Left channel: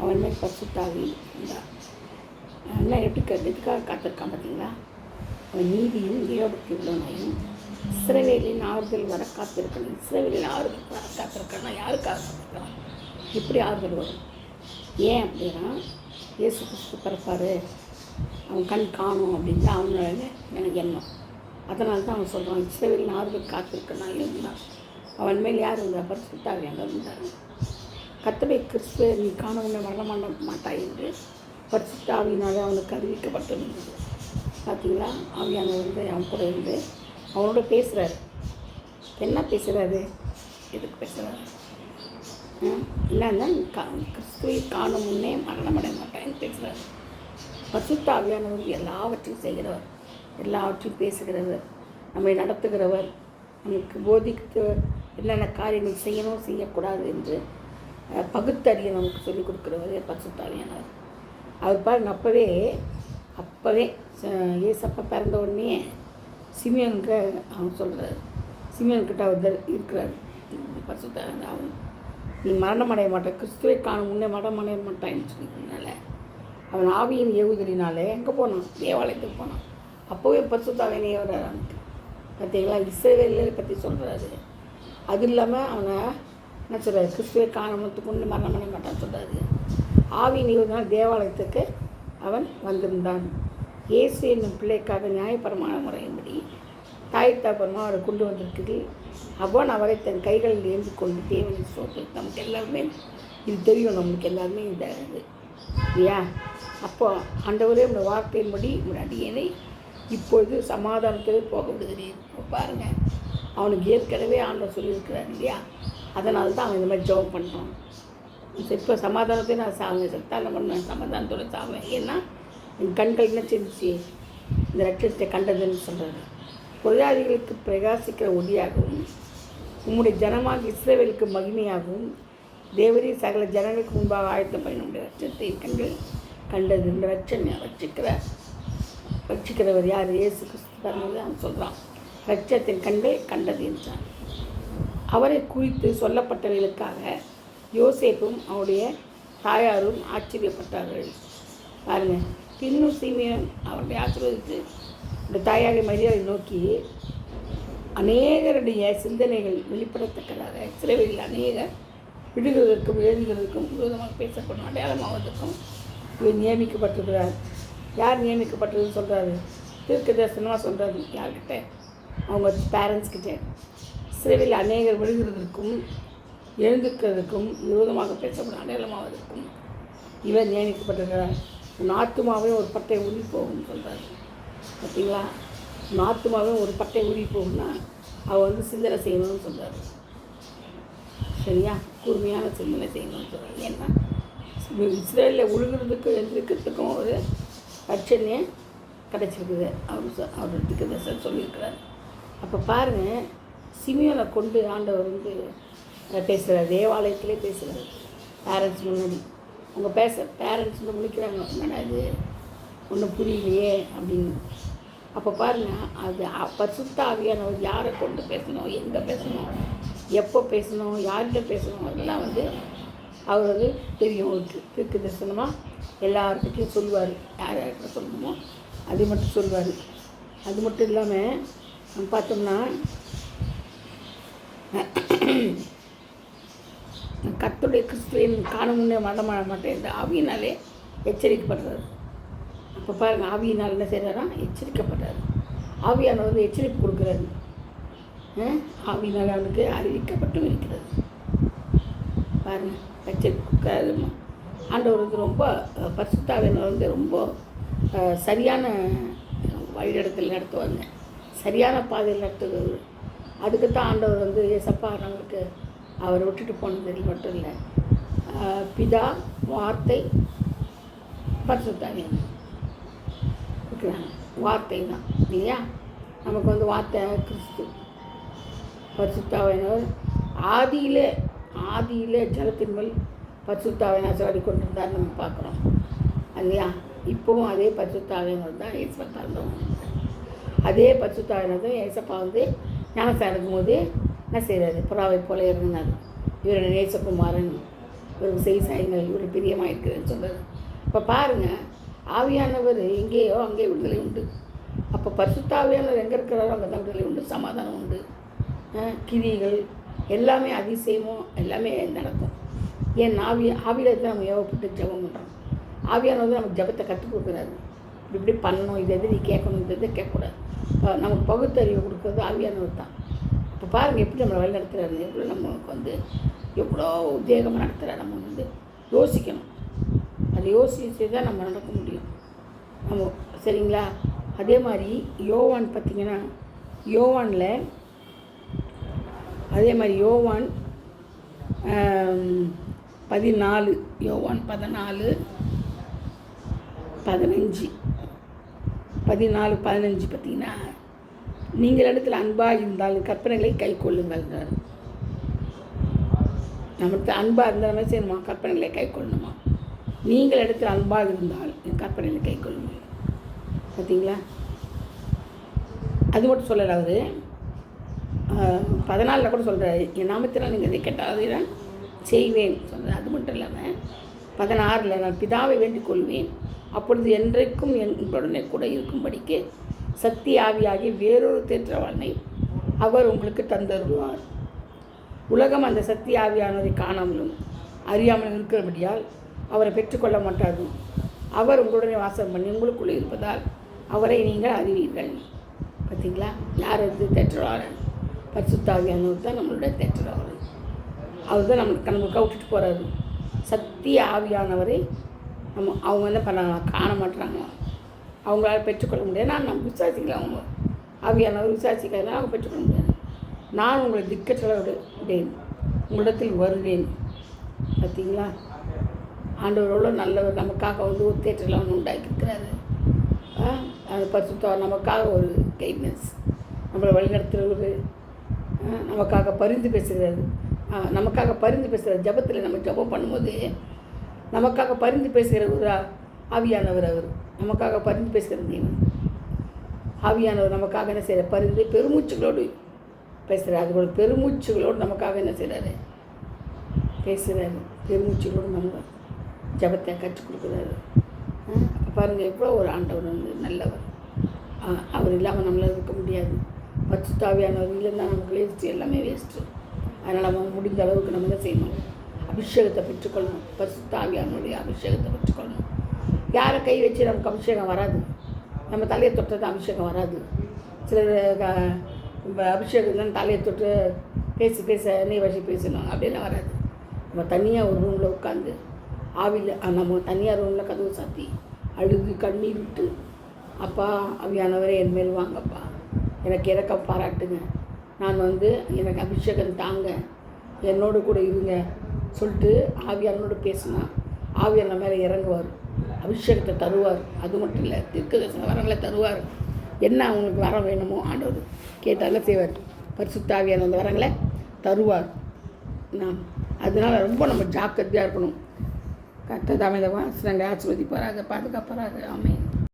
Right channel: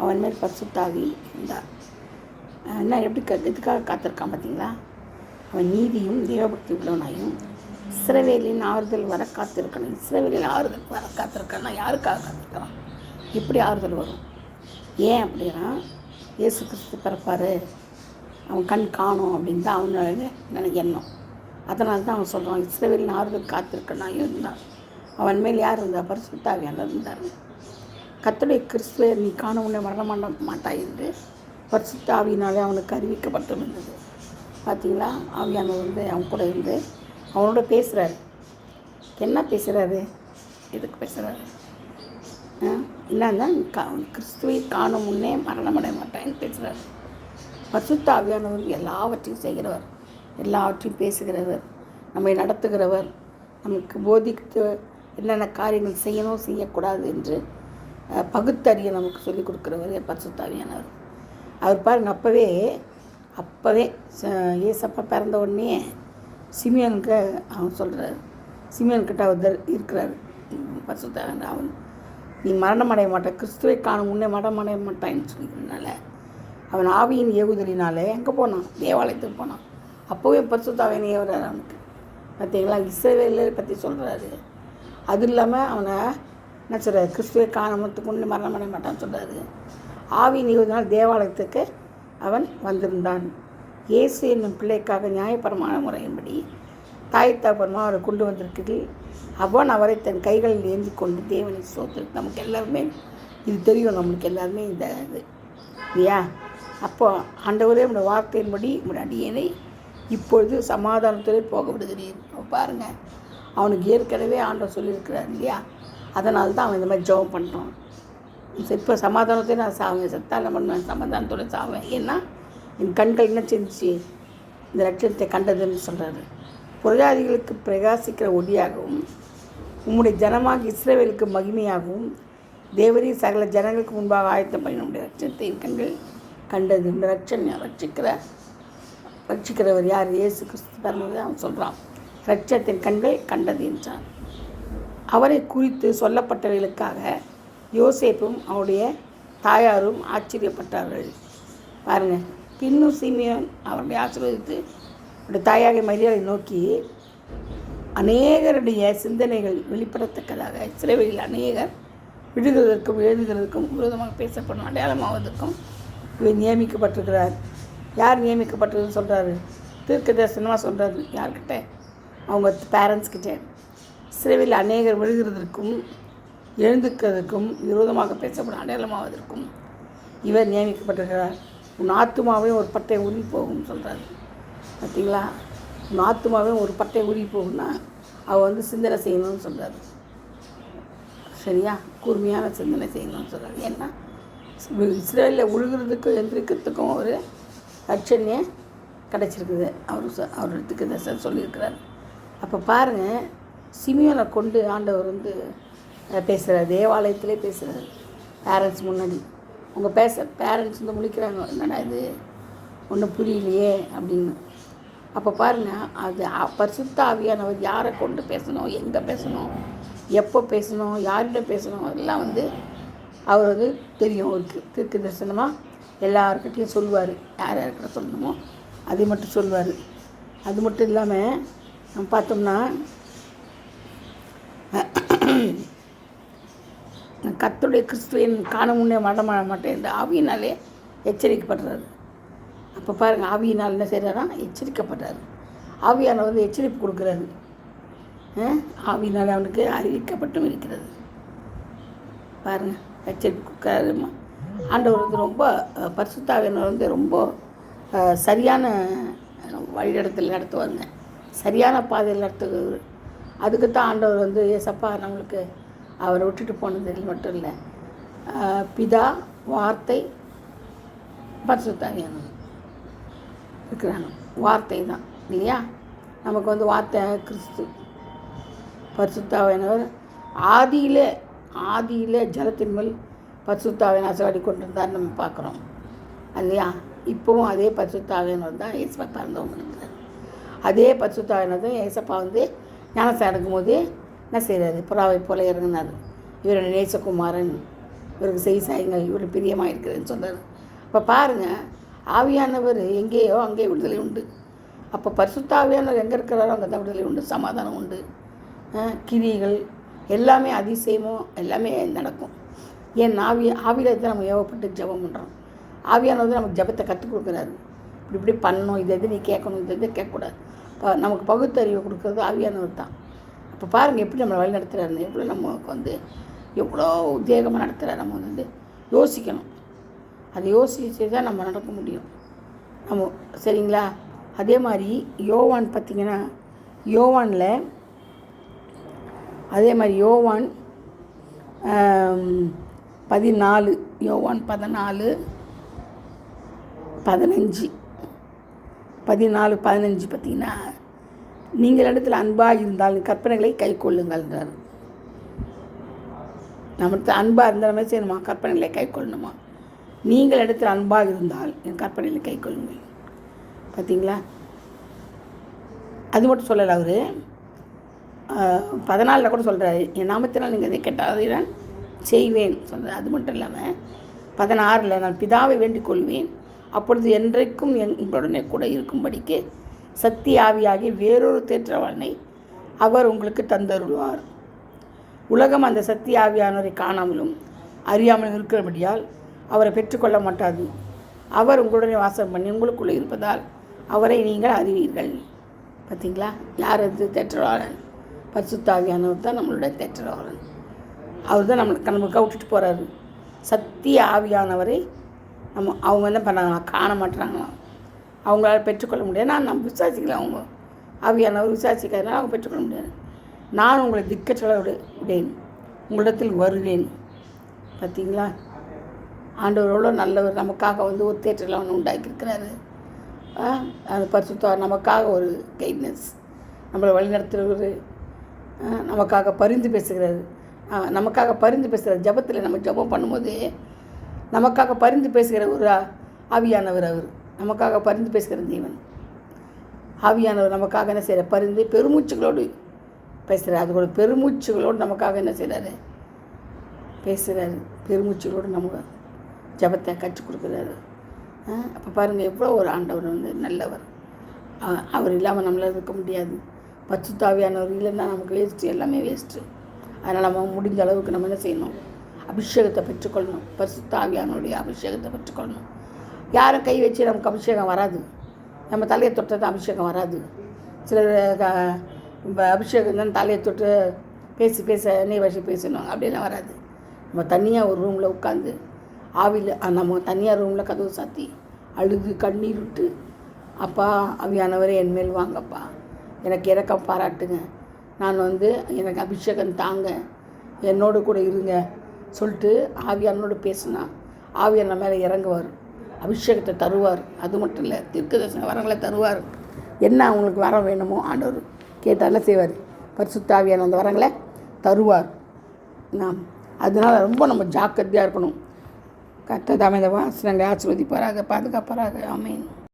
அவன் மேல் பரிசுத்தாவி இருந்தார். என்ன எப்படி எதுக்காக காத்திருக்கான் பார்த்தீங்களா? அவன் நீதியும் தேவபக்தி உள்ளவனாயும் இஸ்ரவேலின் ஆறுதல் வர காத்திருக்கணும். இஸ்ரவேலின் ஆறுதல் வர காத்திருக்கான்னா யாருக்காக காத்திருக்கான்? எப்படி ஆறுதல் வரும்? ஏன் அப்படின்னா, இயேசு கிறிஸ்து பிறப்பார், அவன் கண் காணும் அப்படின்னு தான் அவனோட எனக்கு எண்ணம். அதனால தான் அவன் சொல்கிறான், இஸ்ரவேலின் ஆறுதல் காத்திருக்கணும் இருந்தான். அவன் மேல் யார் இருந்தால் பரிசுத்தாவியானவர் இருந்தார். கர்த்தருடைய கிறிஸ்துவை நீ காண உன்னை மரண மாட்டாய் என்று பரிசுத்த ஆவியினாலே அவனுக்கு அறிவிக்கப்பட்டிருந்தது. பார்த்தீங்களா? ஆவியானவர் வந்து அவன் கூட இருந்து அவனோட பேசுகிறாரு. என்ன பேசுகிறாரு? எதுக்கு பேசுகிறாரு? என்னன்னா, கிறிஸ்துவை காணும் முன்னே மரணமடைய மாட்டான்னு பேசுகிறார். பரிசுத்த ஆவியானவர் எல்லாவற்றையும் செய்கிறவர், எல்லாவற்றையும் பேசுகிறவர், நம்மை நடத்துகிறவர், நமக்கு போதித்து என்னென்ன காரியங்கள் செய்யணும் செய்யக்கூடாது என்று பகுத்தறிய நமக்கு சொல்லிக் கொடுக்குறவர் பரிசுத்த ஆவியானவர். அவர் பாருங்க, அப்போவே ஏசப்பா பிறந்த உடனே சிமியோனுக்கு அவன் சொல்கிறார், சிமியோன்கிட்ட அவர் இருக்கிறார் பரிசுத்த அவன், நீ மரணமடைய மாட்டான், கிறிஸ்துவை காணும் முன்னே மரணமடைய மாட்டான்னு சொல்லிக்கிறதுனால அவன் ஆவியின் ஏவுதலினாலே எங்கே போனான்? தேவாலயத்துக்கு போனான். அப்போவே பரிசுத்தாவியனை ஏவுறாரு அவனுக்கு. பார்த்தீங்களா? இஸ்ரவேலை பற்றி சொல்கிறாரு. அது இல்லாமல் அவனை என்ன சொல்கிறார்? கிறிஸ்துவை காணத்துக்கு முன்னே மரணமடைய மாட்டான்னு சொல்கிறாரு. ஆவியின் ஏவுதலினால் தேவாலயத்துக்கு அவன் வந்திருந்தான். இயேசு என்னும் பிள்ளைக்காக நியாயபரமான முறையின்படி தாய் தகப்பனமாக அவரை கொண்டு வந்திருக்குது. அவன் அவரை தன் கைகளில் ஏந்தி கொண்டு தேவனை சோதனை. நமக்கு எல்லாருமே இது தெரியும், நம்மளுக்கு எல்லாருமே இந்த இது இல்லையா? அப்போ ஆண்டவரே இந்த வார்த்தையின்படி அடியேனை இப்பொழுது சமாதானத்தோடு போக விடுகிறேன். பாருங்கள், அவனுக்கு ஏற்கனவே ஆண்டவர் சொல்லியிருக்கிறார் இல்லையா? அதனால தான் அவன் இந்த மாதிரி ஜெபம் பண்ணுறான். இப்போ சமாதானத்தையும் நான் சாவேன், செத்தால பண்ணுவேன், சமாதானத்தோடு சாவேன். ஏன்னா என் கண்கள் என்ன செஞ்சிச்சு? இந்த லட்சியத்தை கண்டதுன்னு சொல்கிறாரு. புரஜாதிகளுக்கு பிரகாசிக்கிற ஒளியாகவும் உம்முடைய ஜனமாக இஸ்ரவேலுக்கு மகிமையாகவும் தேவரீ சகல ஜனங்களுக்கு முன்பாக ஆயத்தம் பண்ண நம்முடைய லட்சத்தை கண்கள் கண்டது. இந்த ரட்சிக்கிறவர் யார்? இயேசு கிறிஸ்து பிறந்தது அவன் சொல்கிறான். லட்சத்தின் கண்கள் கண்டது என்றான். அவரை குறித்து சொல்லப்பட்டவர்களுக்காக யோசேப்பும் அவருடைய தாயாரும் ஆச்சரியப்பட்டார்கள். பாருங்கள், பின்னும் சீமியோன் அவருடைய ஆசீர்வதித்து அவருடைய தாயாரை மரியாதை நோக்கி, அநேகருடைய சிந்தனைகள் வெளிப்படத்தக்கதாக இஸ்ரவேலில் அநேகர் விடுகிறதற்கும் எழுதுகிறதுக்கும் விரோதமாக பேசப்படும் அடையாளமாவதற்கும் இவர் நியமிக்கப்பட்டிருக்கிறார். யார் நியமிக்கப்பட்டதுன்னு சொல்கிறாரு? தீர்க்க தரிசனமாக சொல்கிறாரு. யார்கிட்ட? அவங்க பேரண்ட்ஸ்கிட்ட. இஸ்ரவேலில் அநேகர் விடுகிறதற்கும் எழுந்துக்கிறதுக்கும் விரோதமாக பேசப்படும் அடையாளமாவதற்கும் இவர் நியமிக்கப்பட்டிருக்கிறார். உன் ஆத்துமாவே ஒரு பட்டை உருவி போகும்னு சொல்கிறாரு. பார்த்தீங்களா? உன் ஆத்துமாவே ஒரு பட்டை உருவி போகும்னா அவள் வந்து சிந்தனை செய்யணும்னு சொல்கிறாரு. சரியா? கூர்மையான சிந்தனை செய்யணும்னு சொல்கிறாரு. ஏன்னா இஸ்ரேலில் உழுகிறதுக்கும் எந்திரிக்கிறதுக்கும் ஒரு ரட்சணையே கிடச்சிருக்குது. அவருக்கு தரிசனம் சொல்லியிருக்கிறார். அப்போ பாருங்கள், சிமியோனை கொண்டு ஆண்டவர் வந்து பேசுகிறார். தேவாலயத்திலே பேசுகிறார். பேரண்ட்ஸ் முன்னாடி அவங்க பேரண்ட்ஸ் வந்து முழிக்கிறாங்க, என்னடா இது ஒன்றும் புரியலையே அப்படின்னு. அப்போ பாருங்கள், அது பரிசுத்த ஆவியானவர் யாரை கொண்டு பேசணும், எங்கே பேசணும், எப்போ பேசணும், யார்கிட்ட பேசணும் எல்லாம் வந்து அவர் வந்து தெரியும். அவருக்கு தீர்க்க தரிசனமாக எல்லாருக்கிட்டையும் சொல்லுவார். யார் யார்கிட்ட சொல்லணுமோ அதை மட்டும் சொல்லுவார். அது மட்டும் இல்லாமல் நம்ம பார்த்தோம்னா கர்த்தருடைய கிறிஸ்துவின் காண முன்னே மரணமடைய மாட்டேன் இந்த ஆவியினாலே எச்சரிக்கப்படுறாரு. அப்போ பாருங்கள், ஆவியினால் என்ன செய்கிறாரா? எச்சரிக்கப்படுறாரு. ஆவியானவர் வந்து எச்சரிப்பு கொடுக்குறாரு. ஆவியினால் அவனுக்கு அறிவிக்கப்பட்டும் இருக்கிறது. பாருங்கள், எச்சரிப்பு கொடுக்குறாரு. ஆண்டவர் வந்து ரொம்ப பரிசுத்த ஆவியானவர் வந்து ரொம்ப சரியான வழியிடத்தில் நடத்துவாங்க, சரியான பாதையில் நடத்துகிறது. அதுக்கு தான் ஆண்டவர் வந்து ஏசப்பா நம்மளுக்கு அவரை விட்டுட்டு போனது மட்டும் இல்லை, பிதா, வார்த்தை, பரிசுத்த ஆவியானவர் இருக்கிறாங்க. வார்த்தை தான் இல்லையா? நமக்கு வந்து வார்த்தை கிறிஸ்து. பரிசுத்த ஆவியானவர் ஆதியிலே ஜலத்தின் மேல் பரிசுத்த ஆவியானவர் அசைவாடி கொண்டிருந்தார் நம்ம பார்க்குறோம் இல்லையா? இப்போவும் அதே பரிசுத்த ஆவியானவர் தான் ஏசப்பா பிறந்தவங்க. அதே பரிசுத்த ஆவியானவர் தான் ஏசப்பா வந்து ஞானஸ்நானம் எடுக்கும் போது என்ன செய்கிறாரு? புறாவை போல இறங்கினார். இவருடைய நேசகுமாரன் இவருக்கு செய் சாயுங்கள், இவருக்கு பிரியமாக இருக்கிறதுன்னு சொல்கிறார். இப்போ பாருங்கள், ஆவியானவர் எங்கேயோ அங்கே விடுதலை உண்டு. அப்போ பரிசுத்த ஆவியானவர் எங்கே இருக்கிறாரோ அங்கே தான் விடுதலை உண்டு, சமாதானம் உண்டு, கிரிகள் எல்லாமே அதிசயமும் எல்லாமே நடக்கும். ஏன் ஆவியில் தான் நம்ம ஏவப்பட்டு ஜெபம் பண்ணுறோம். ஆவியானவர் நமக்கு ஜெபத்தை கற்றுக் கொடுக்குறாரு. இப்படி பண்ணணும், இது நீ கேட்கணும், இது கேட்கக்கூடாது. நமக்கு பகுத்தறிவு கொடுக்குறது ஆவியானவர் தான். இப்போ பாருங்கள் எப்படி நம்மளை வழி நடத்துகிறாரு, எப்படி நமக்கு எவ்வளோ உத்வேகமாக நடத்துகிறார். நம்ம யோசிக்கணும். அதை யோசிச்சு தான் நம்ம நடக்க முடியும். சரிங்களா? அதே மாதிரி யோவான் பார்த்திங்கன்னா, யோவானில் அதே மாதிரி யோவான் 14, யோவான் 14, 15 பார்த்திங்கன்னா, நீங்கள் இடத்துல அன்பாக இருந்தால் கற்பனைகளை கை கொள்ளுங்கள்ன்றார். நம்மளுக்கு அன்பாக இருந்தாலுமே செய்யணுமா, கற்பனைகளை கை கொள்ளணுமா. நீங்கள் இடத்துல அன்பாக இருந்தால் என் கற்பனைகளை கை கொள்ளுங்கள். பார்த்தீங்களா? அது மட்டும் சொல்லலை, அவர் 14 கூட சொல்கிறாரு, என் நாமத்தினால் நீங்கள் இதை கேட்டால் அதை நான் செய்வேன் சொல்கிறார். அது மட்டும் இல்லாமல் 16 நான் பிதாவை வேண்டிக் கொள்வேன், அப்பொழுது என்றைக்கும் எங்களுடனே கூட இருக்கும்படிக்கு சத்திய ஆவியாகி வேறொரு தேற்றவாளனை அவர் உங்களுக்கு தந்தருவார். உலகம் அந்த சத்திய ஆவியானவரை காணாமலும் அறியாமலும் இருக்கிறபடியால் அவரை பெற்றுக்கொள்ள மாட்டாது. அவர் உங்களுடனே வாசம் பண்ணி உங்களுக்குள்ளே இருப்பதால் அவரை நீங்கள் அறிவீர்கள். பார்த்தீங்களா? யார் அது தேற்றவாளன்? பரிசுத்த ஆவியானவர் தான் நம்மளுடைய தேற்றவாளன். அவர் தான் நமக்கு விட்டுட்டு போகிறாரு. சத்திய ஆவியானவரை அவங்க என்ன பண்ணாங்களாம், காண மாட்டுறாங்களாம், அவங்களால பெற்றுக்கொள்ள முடியாது. நம்ம விசாரிக்கல, அவங்க ஆவியானவர் விசாரிக்கிறதுனால அவங்க பெற்றுக்கொள்ள முடியாது. நான் உங்களை திக்கச்சொல்ல விடேன், உங்களிடத்தில் வருவேன். பார்த்தீங்களா? ஆண்டவரோட நல்லவர். நமக்காக ஒரு தேற்றலாம் ஒன்று உண்டாக்கியிருக்கிறாரு. அந்த பரிசுத்த நமக்காக ஒரு கைட்னஸ், நம்மளை வழிநடத்துகிறது, நமக்காக பரிந்து பேசுகிறாரு. நமக்காக பரிந்து பேசுகிறார். ஜபத்தில் நம்ம ஜபம் பண்ணும்போது நமக்காக பரிந்து பேசுகிற ஒரு ஆவியானவர். அவர் நமக்காக பரிந்து பேசுகிற தேவன். ஆவியானவர் நமக்காக என்ன செய்கிறார்? பரிந்து பெருமூச்சுகளோடு பேசுகிறார். அது கூட பெருமூச்சுகளோடு நமக்காக என்ன செய்கிறாரு? பேசுகிறாரு. பெருமூச்சுகளோடு நமக்கு ஜபத்தை கற்றுக் கொடுக்குறாரு. அப்போ பாருங்கள், எவ்வளோ ஒரு ஆண்டவர் நல்லவர். அவர் இல்லாமல் நம்மளால் இருக்க முடியாது. பரிசுத்த ஆவியானவர் இல்லைன்னா நமக்கு வேஸ்ட்டு, எல்லாமே வேஸ்ட்டு. அதனால் நம்ம முடிஞ்ச அளவுக்கு நம்ம என்ன செய்யணும்? அபிஷேகத்தை பெற்றுக்கொள்ளணும். பரிசுத்த ஆவியானவருடைய அபிஷேகத்தை பெற்றுக்கொள்ளணும். யாரை கை வச்சு நமக்கு அபிஷேகம் வராது. நம்ம தலையை தொட்டது அபிஷேகம் வராது. சிலர் அபிஷேகம் தான் தலையை தொட்டு பேச நீ வச்சு பேசணும் அப்படின்னா வராது. நம்ம தனியாக ஒரு ரூமில் உட்காந்து ஆவியில் நம்ம தனியாக ரூமில் கதவு சாத்தி அழுது கண்ணீர் விட்டு, அப்பா ஆவியானவரே என்மேல் வாங்கப்பா, எனக்கு இரக்கம் பாராட்டுங்க, நான் எனக்கு அபிஷேகம் தாங்க, என்னோடு கூட இருங்க சொல்லிட்டு ஆவியானோடு பேசினா ஆவியான மேலே இறங்குவார், அபிஷேகத்தை தருவார். அது மட்டும் இல்லை, தீர்க்கதரிசன வரங்களை தருவார். என்ன அவங்களுக்கு வரம் வேணுமோ ஆண்டவர் கேட்டாலும் செய்வார். பரிசுத்த ஆவியான அந்த வரங்களை தருவார். அதனால் ரொம்ப நம்ம ஜாக்கிரதையாக இருக்கணும். கர்த்தர் தாமே இந்த வாசனங்களை ஆசீர்வதிப்பாராக, பாதுகாப்பாராக. ஆமென்.